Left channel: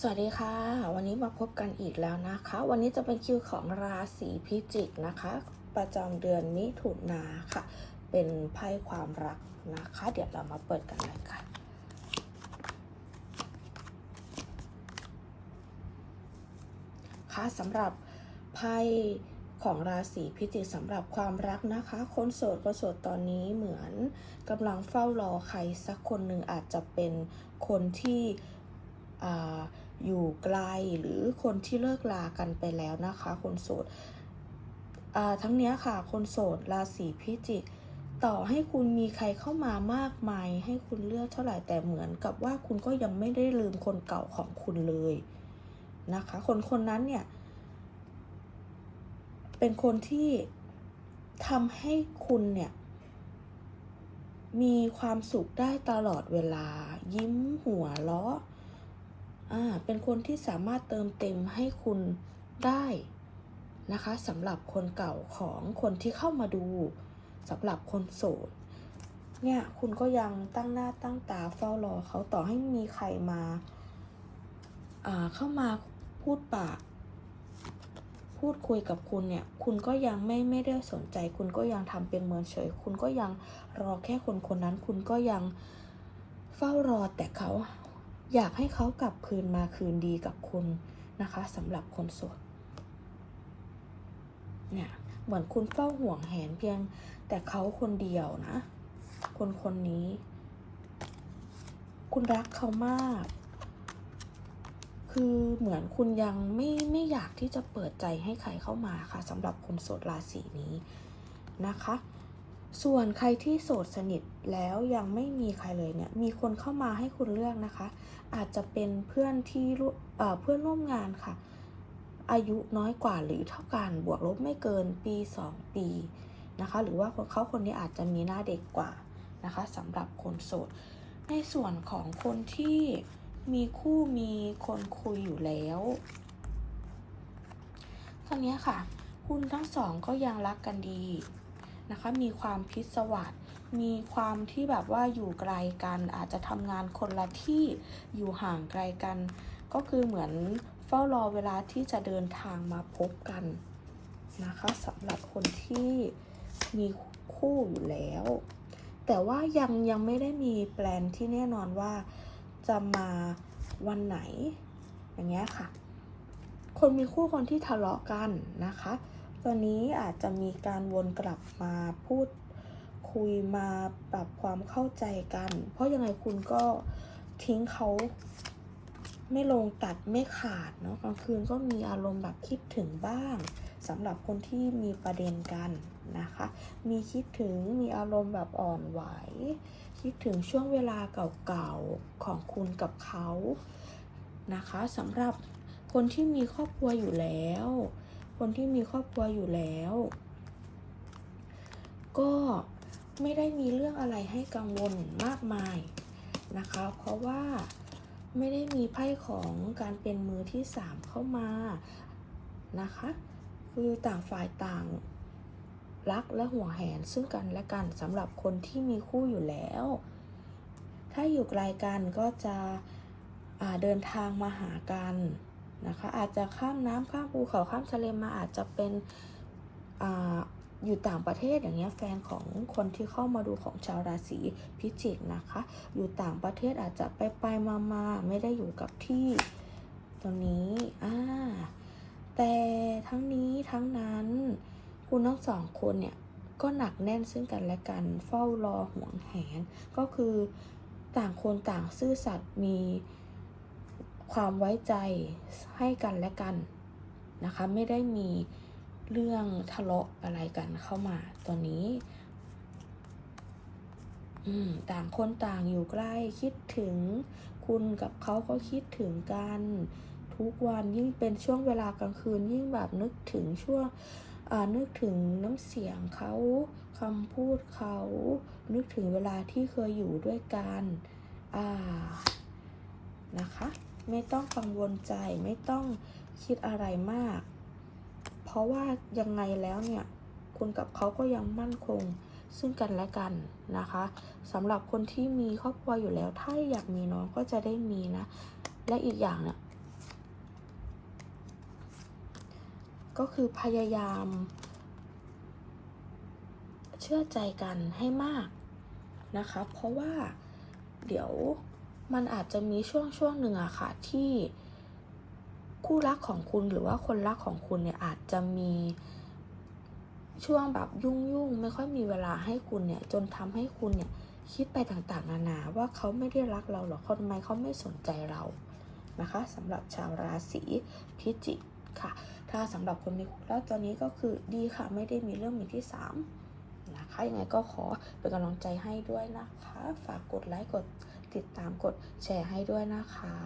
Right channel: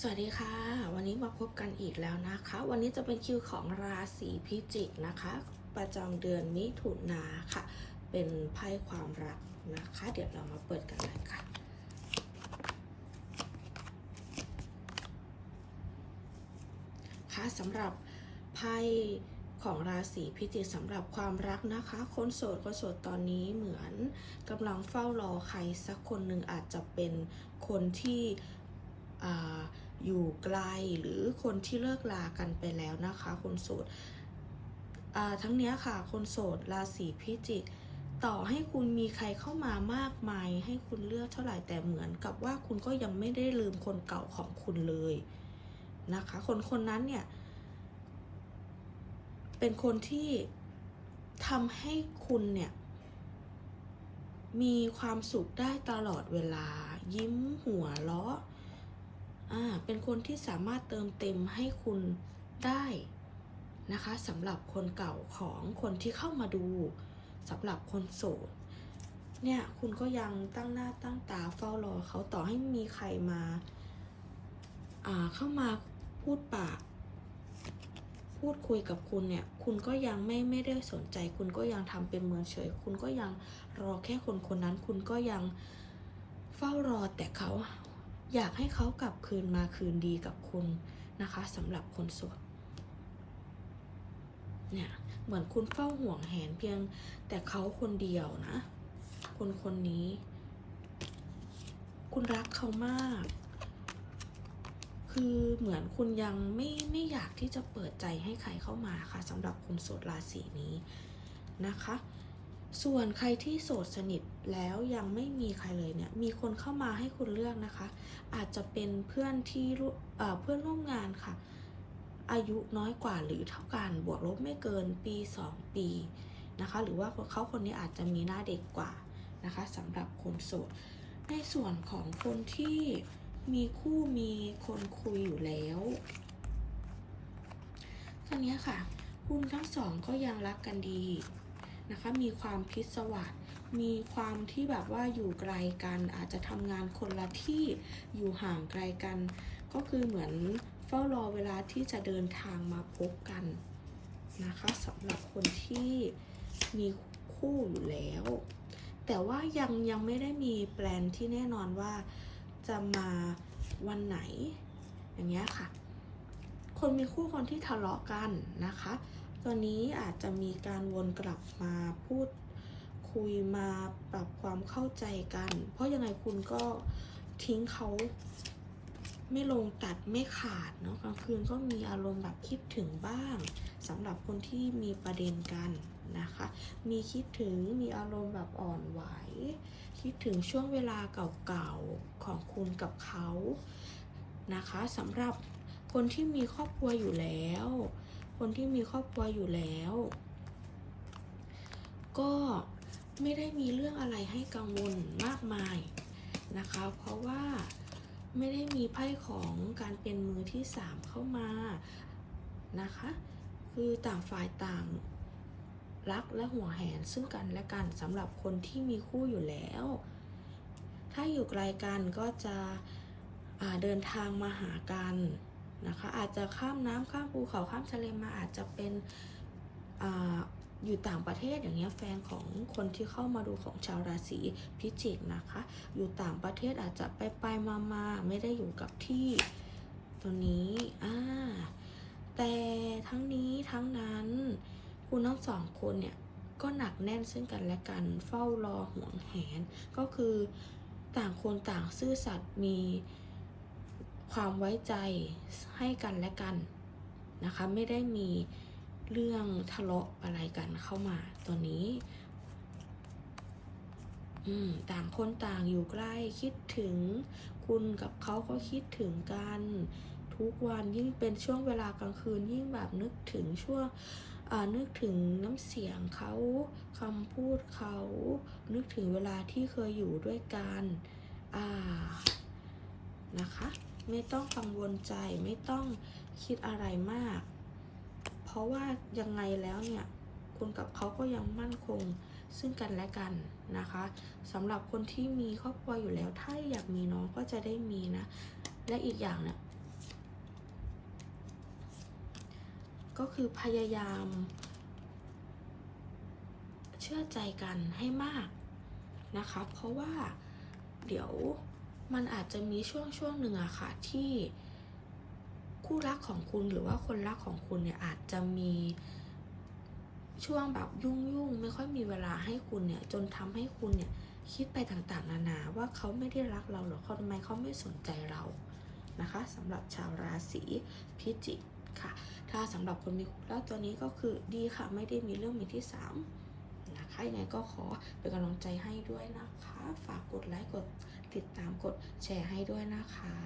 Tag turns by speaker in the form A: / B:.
A: สวัสดีค่ะ วันนี้มาพบกันอีกแล้วนะคะ วันนี้จะเป็นคิวของราศีพิจิกนะคะ ประจำเดือนมิถุนาค่ะ เป็นไพ่ความรักนะคะ เดี๋ยวเรามาเปิดกันเลยค่ะค่ะสำหรับไพ่ของราศีพิจิกสำหรับความรักนะคะ คนโสดก็โสดตอนนี้เหมือนกำลังเฝ้ารอใครสักคนหนึ่งอาจจะเป็นคนที่อ่า อยู่ไกลหรือคนที่เลิกลากันไปแล้วนะคะ คนโสดทั้งนี้ค่ะ คนโสดราศีพิจิก ต่อให้คุณมีใครเข้ามามากมาย ให้คุณเลือกเท่าไหร่แต่เหมือนกับว่าคุณก็ยังไม่ได้ลืมคนเก่าของคุณเลยนะคะ คนคนนั้นเนี่ย เป็นคนที่ทำให้คุณเนี่ย มีความสุขได้ตลอดเวลา ยิ้มหัวเราะ เป็นคนที่สามารถเติมเต็มให้คุณได้นะคะสำหรับคนเก่าของคนที่เข้ามาดูสำหรับคนโสดเนี่ยคุณก็ยังตั้งหน้าตั้งตาเฝ้ารอเขาต่อให้มีใครมาเข้ามาพูดปากพูดคุยกับคุณเนี่ย คุณก็ยังไม่ไม่ได้สนใจ คุณก็ยังทำเป็นเมินเฉย คุณก็ยังรอแค่คนคนนั้น คุณก็ยังเฝ้ารอแต่เขา อยากให้เขากลับคืนมาคืนดีกับคุณนะคะสำหรับคนโสดเนี่ยเหมือนคุณเฝ้าห่วงแหนเพียงแต่เขาคนเดียวนะ คนคนนี้ คุณรักเขามาก คือเหมือนคุณยังไม่ไม่อยากที่จะเปิดใจให้ใครเข้ามาค่ะสำหรับคนโสดราศีนี้นะคะ ส่วนใครที่โสดสนิทแล้วยังไม่มีใครเลยเนี่ย มีคนเข้ามาให้คุณเลือกนะคะ อาจจะเป็นเพื่อนที่เพื่อนร่วมงานค่ะ อายุน้อยกว่าหรือเท่ากันบวกลบไม่เกินปี 2 ปีนะคะ หรือว่าเขาคนนี้อาจจะมีหน้าเด็กกว่านะคะสำหรับคนโสด ในส่วนของคนที่มีคู่มีคนคุยอยู่แล้วตอนนี้ค่ะ คุณทั้งสองก็ยังรักกันดี นะคะ มีความพิศวาสมีความที่แบบว่าอยู่ไกลกัน อาจจะทำงานคนละที่อยู่ห่างไกลกัน ก็คือเหมือนเฝ้ารอเวลาที่จะเดินทางมาพบกันนะคะสำหรับคนที่มีคู่อยู่แล้ว แต่ว่ายังยังไม่ได้มีแปลนที่แน่นอนว่าจะมาวันไหน อย่างเงี้ยค่ะ คนมีคู่คนที่ทะเลาะกันนะคะ ตอนนี้อาจจะมีการวนกลับมาพูดคุยมาปรับความเข้าใจกัน เพราะยังไงคุณก็ทิ้งเขาไม่ลงตัดไม่ขาดเนาะกลางคืนก็มีอารมณ์แบบคิดถึงบ้างสำหรับคนที่มีประเด็นกันนะคะ มีคิดถึงมีอารมณ์แบบอ่อนไหว คิดถึงช่วงเวลาเก่าๆของคุณกับเขานะคะสำหรับคนที่มีครอบครัวอยู่แล้ว คนที่มีครอบครัวอยู่แล้ว ก็ไม่ได้มีเรื่องอะไรให้กังวลมากมายนะคะ เพราะว่าไม่ได้มีไพ่ของการเป็นมือที่สามเข้ามานะคะ คือต่างฝ่ายต่างรักและห่วงแหนซึ่งกันและกันสำหรับคนที่มีคู่อยู่แล้ว ถ้าอยู่ไกลกันก็จะเดินทางมาหากัน อาจจะข้ามน้ำข้ามภูเขาข้ามทะเลมาอาจจะเป็นออยู่ต่างประเทศอย่างเงี้ยแฟนของคนที่เข้ามาดูของชาวราศีพิจิกนะคะ อยู่ต่างประเทศอาจจะไปไปมามาไม่ได้อยู่กับที่ตัวนี้อ่าแต่ทั้งนี้ทั้งนั้น คุณทั้งสองคนเนี่ยก็หนักแน่นซึ่งกันและกันเฝ้ารอห่วงแหน ก็คือต่างคนต่างซื่อสัตย์มี ความไว้ใจให้กันและกันนะคะ ไม่ได้มีเรื่องทะเลาะอะไรกันเข้ามาตอนนี้ต่างคนต่างอยู่ใกล้คิดถึงคุณกับเขาก็คิดถึงกัน ทุกวันยิ่งเป็นช่วงเวลากลางคืนยิ่งแบบนึกถึงช่วงนึกถึงน้ำเสียงเขาคำพูดเขา นึกถึงเวลาที่เคยอยู่ด้วยกัน อ่า นะคะ ไม่ต้องกังวลใจไม่ต้องคิดอะไรมาก เพราะว่ายังไงแล้วเนี่ยคุณกับเขาก็ยังมั่นคงซึ่งกันและกันนะคะสำหรับคนที่มีครอบครัวอยู่แล้ว ถ้าอยากมีน้องก็จะได้มีนะ และอีกอย่างเนี่ยก็คือพยายาม เชื่อใจกันให้มากนะคะ เพราะว่าเดี๋ยว มันอาจจะมีช่วงช่วงหนึ่งอะค่ะที่คู่รักของคุณหรือว่าคนรักของคุณเนี่ยอาจจะมีช่วงแบบยุ่งยุ่งไม่ค่อยมีเวลาให้คุณเนี่ยจนทำให้คุณเนี่ยคิดไปต่างๆ นานาว่าเขาไม่ได้รักเราหรอกทำไมเขาไม่สนใจเรานะคะสำหรับชาวราศีพิจิกค่ะ ถ้าสำหรับคนมีคู่แล้วตอนนี้ก็คือดีค่ะไม่ได้มีเรื่องมือที่สามนะคะยังไงก็ขอเป็นกำลังใจให้ด้วยนะคะ ฝากกดไลค์กดติดตามกดแชร์ให้ด้วยนะคะ